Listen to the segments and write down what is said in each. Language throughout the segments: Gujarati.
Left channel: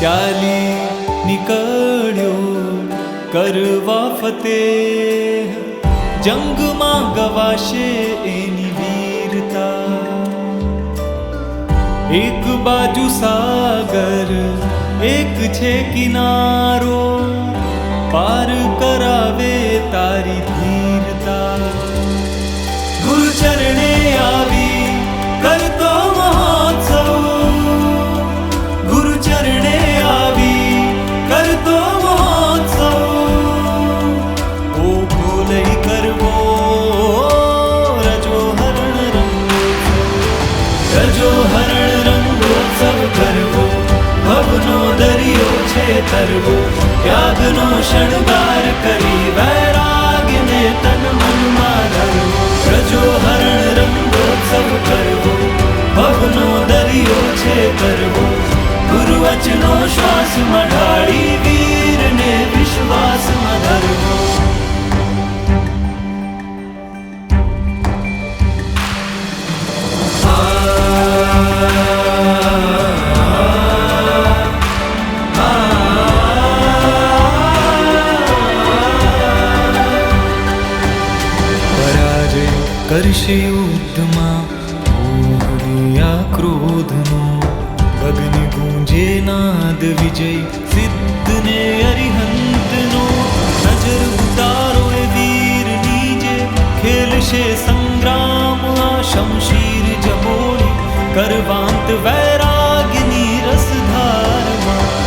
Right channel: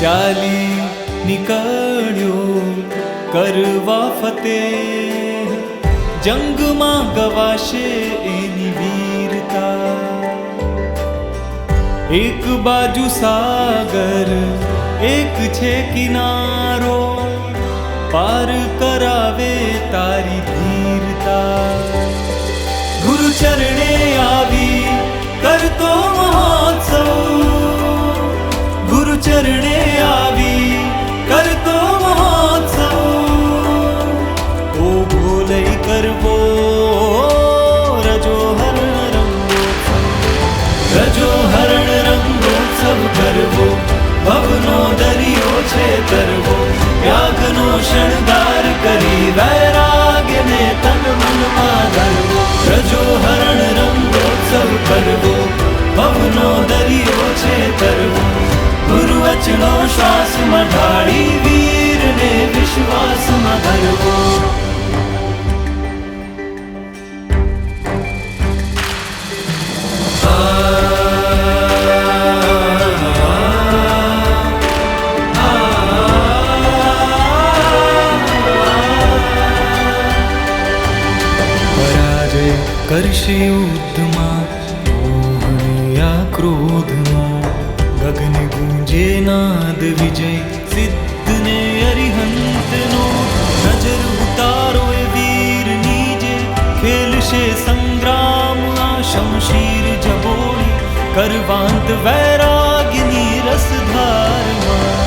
ચાલી નીકળ્યો કરવા ફતેહ, જંગમાં ગવાશે એની વીરતા. એક બાજુ સાગર એક છે કિનારો, પાર કરાવે તારી ધીરતા. ગુરુ ચરણે આવી કરતો મહોત્સવ, ગુરુ ચરણે આવી કરતો મહોત્સવ. ઓ ભોલઈ કરવો રજો હરણ રંગોત્સવ, રજો હરણ રંગોત્સવ કરવો. ભવનો દરિયો છે તરવો, ત્યાગનો શણગાર કરી વૈરાગ્યને તન મનમાં ધરવો. રજો હરણ રંગોત્સવ કરવો, ભવનો દરિયો છે તરવો. ગુરુ વચનો શ્વાસમાં ઢાળી વીરને વિશ્વાસમાં ધરવો. પરાજય કરશે યુદ્ધમાં મોહને આ ક્રોધનો, ગગન ગૂંજે નાદ વિજય સિદ્ધને અરિહંતનો. નજર ઉતારો એ વીરની જે ખેલશે સંગ્રામ, આ શમશીર જબોળી કરવાંત વૈરાગ્યની રસધારમાં.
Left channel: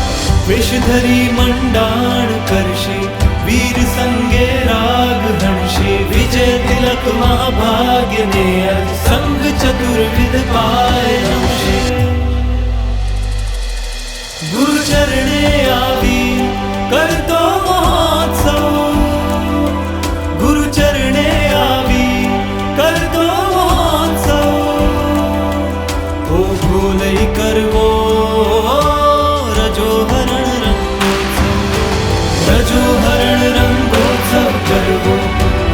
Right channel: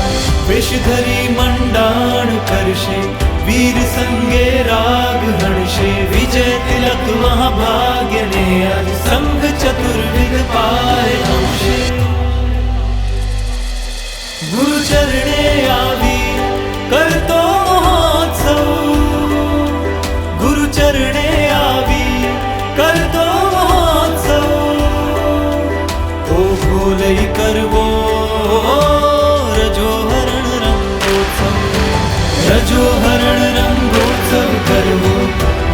વેશધરી મંડાણ કરશે વીર સંગે રાગ હણશે, વિજય તિલક મહાભાગ્યને આજ સંગ ચતુર્વિધ પાય નમશે. ગુરુ ચરણે આવી કરતો મહોત્સવ, ગુરુ ચરણે આવી કરતો મહોત્સવ. ઓ ભોલઈ કરવો રજો હરણ રંગોત્સવ, રજો હરણ રંગોત્સવ કરવો.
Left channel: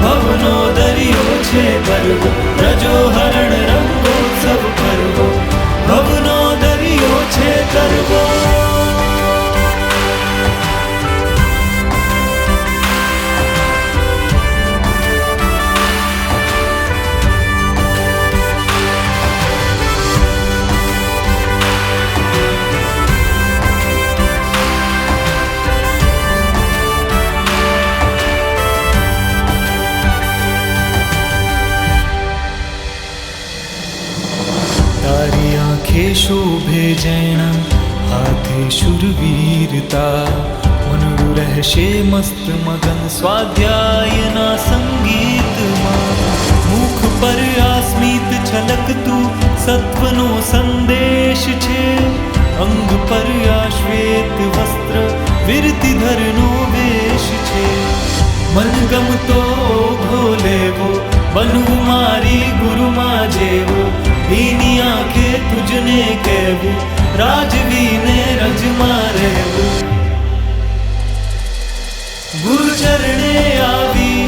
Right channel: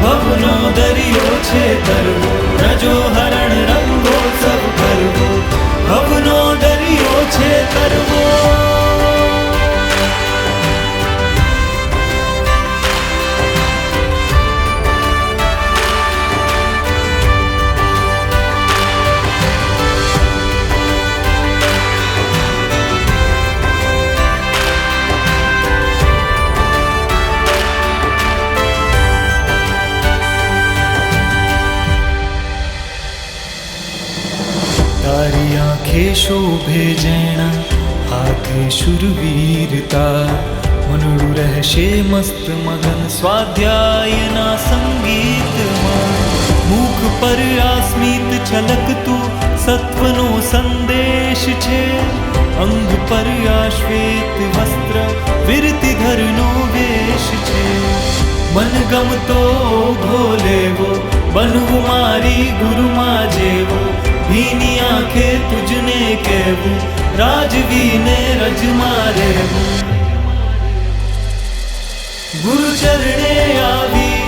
ભવનો દરિયો છે તરવો, રજો હરણ રંગોત્સવ કરવો. ભવનો દરિયો છે તરવો. તારી આંખે શોભે જૈણા, હાથે શુરવીરતા. મનડું રહેશે મસ્ત મગન સ્વાધ્યાયના સંગીતમાં. મુખ પર આ સ્મિત છલકતું સત્વનો સંદેશ છે, અંગ પર આ શ્વેત વસ્ત્ર વિરતિધરનો વેશ છે. મન ગમતો ઘોલેવો બનવું મારી ગુરુમાં જેવો, ભીની આંખે તુજને કહેવું રાજવીને રજમાં રહેવું. ગુરુ ચરણે આવી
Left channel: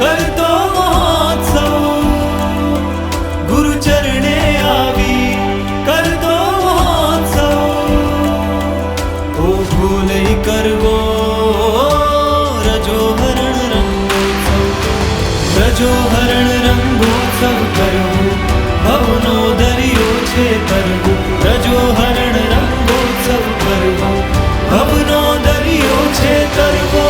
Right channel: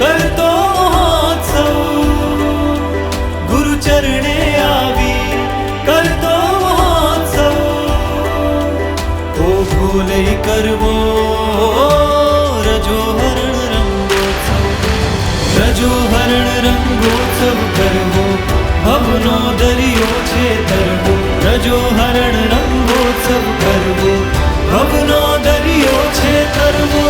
કરતો મહોત્સવ, ગુરુ ચરણે આવી કરતો મહોત્સવ. ઓ ભોલઈ કરવો રજો હરણ રંગોત્સવ, રજો હરણ રંગોત્સવ કરવો. ભવનો દરિયો છે તરવો, રજો હરણ રંગોત્સવ કરવો. ભવનો દરિયો છે તરવો.